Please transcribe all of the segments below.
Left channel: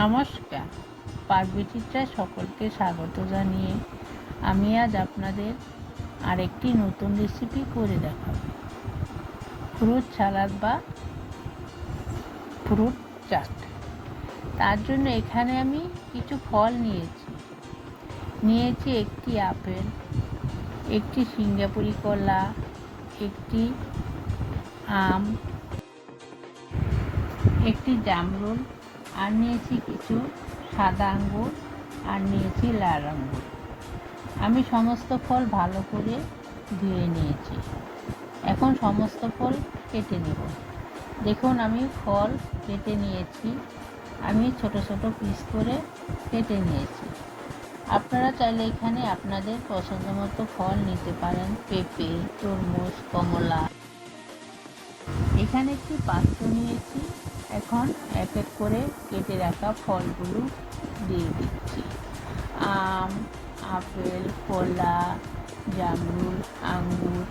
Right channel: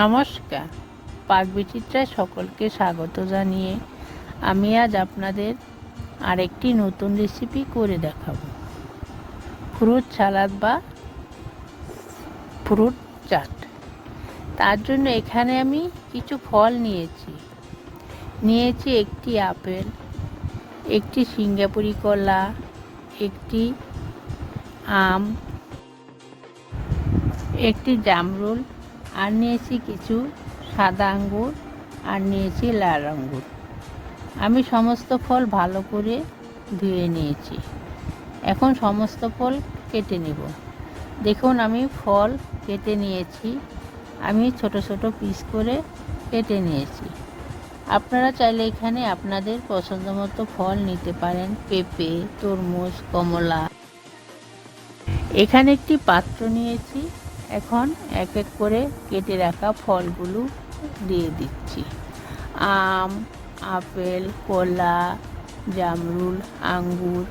নমস্কার, পাক বিচিত্রায় সকলকে স্বাগত জানিয়ে আমি আজ আপনাদের আরেকটি নতুন রেসিপি করে দেখাবো। ফ্রুট সালাদ বা ফ্রুট চাট। তার জন্য এখানে আমি কিছু ফল নিয়েছি একটি আপেল, একটি সিঙ্গাপুরি কলা, একটি আম, একটি জামরুল, আর নিয়েছি কিছু সাদা আঙ্গুর, আর নিয়েছি লাল আঙ্গুর। আমি সমস্ত ফল ভালো করে ধুয়ে নিয়েছি। এখন সমস্ত ফল কেটে নেব। দেখুন, আমি ফল কেটে নিয়েছি। আমি ছোট ছোট পিস করে কেটে নিয়েছি। আপনারা চাইলে এখানে আপনাদের পছন্দ মতো ফল নিতে পারেন, পেঁপে, তরমুজ, কমলা। এখানে একটি পাত্র নিয়েছি। এখন এক এক করে কেটে রাখা ফলগুলো দিয়ে দিচ্ছি। আম, আপেল, কলা, জামরুল, আঙ্গুর।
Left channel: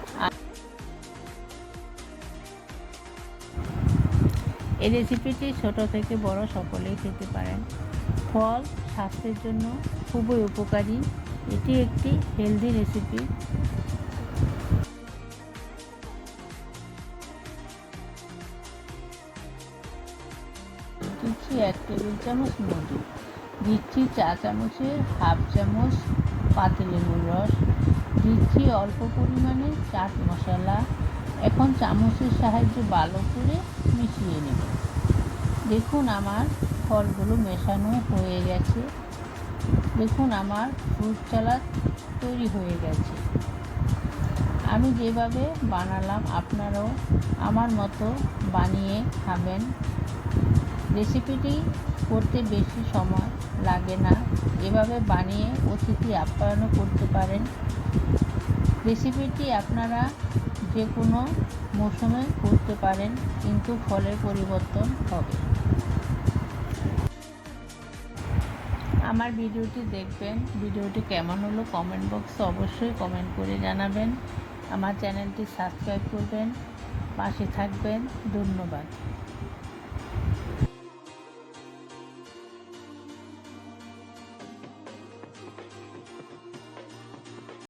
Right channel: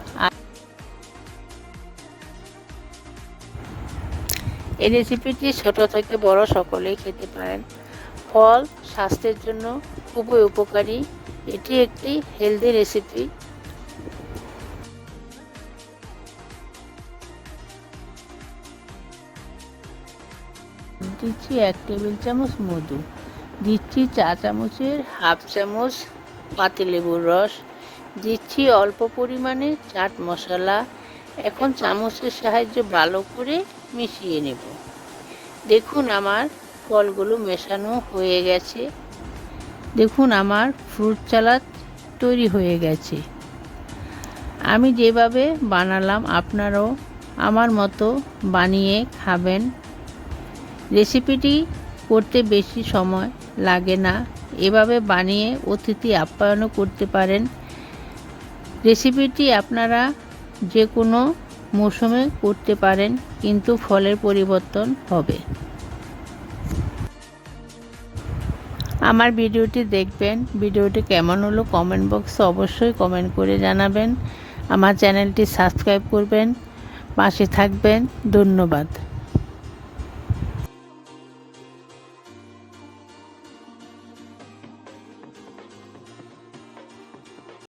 এই রেসিপিটি ছোট থেকে বড় সকলেই খেতে পারেন। ফল স্বাস্থ্যের জন্য খুবই উপকারী। এটি একটি হেলদি রেসিপি। দিচ্ছি 1 টেবিল চামচ মধু, দিচ্ছি চা চামচের হাফ চামচ পাতিলেবুর রস, দিচ্ছি অল্প পরিমাণে চাট মশলা। এখন চামচের সাহায্যে ভালো করে মিশিয়ে নেব। দেখুন, আমার ফলগুলো মেশানো হয়ে গেছে। দেখুন, আমার ফ্রুট সালাদ তৈরি হয়ে গেছে। আমি যেভাবে বানালাম আপনারাও আমার মতো বানিয়ে খাবেন। রেসিপিটি করতে বেশি সময় লাগে না। এভাবে বানিয়ে অতিথি আপ্যায়নও করতে পারেন। রেসিপিটি আপনারা যে কোনো মৌসুমে করতে পারেন, কিন্তু ফলের পরিবর্তন হবে। আমার ভিডিওটি দেখবেন। ভিডিওটি কেমন হলো কমেন্ট বক্সে অবশ্যই কমেন্ট করে জানাবেন। আমার চ্যানেলটি সাবস্ক্রাইব করবেন, পাশে থাকবেন। ধন্যবাদ।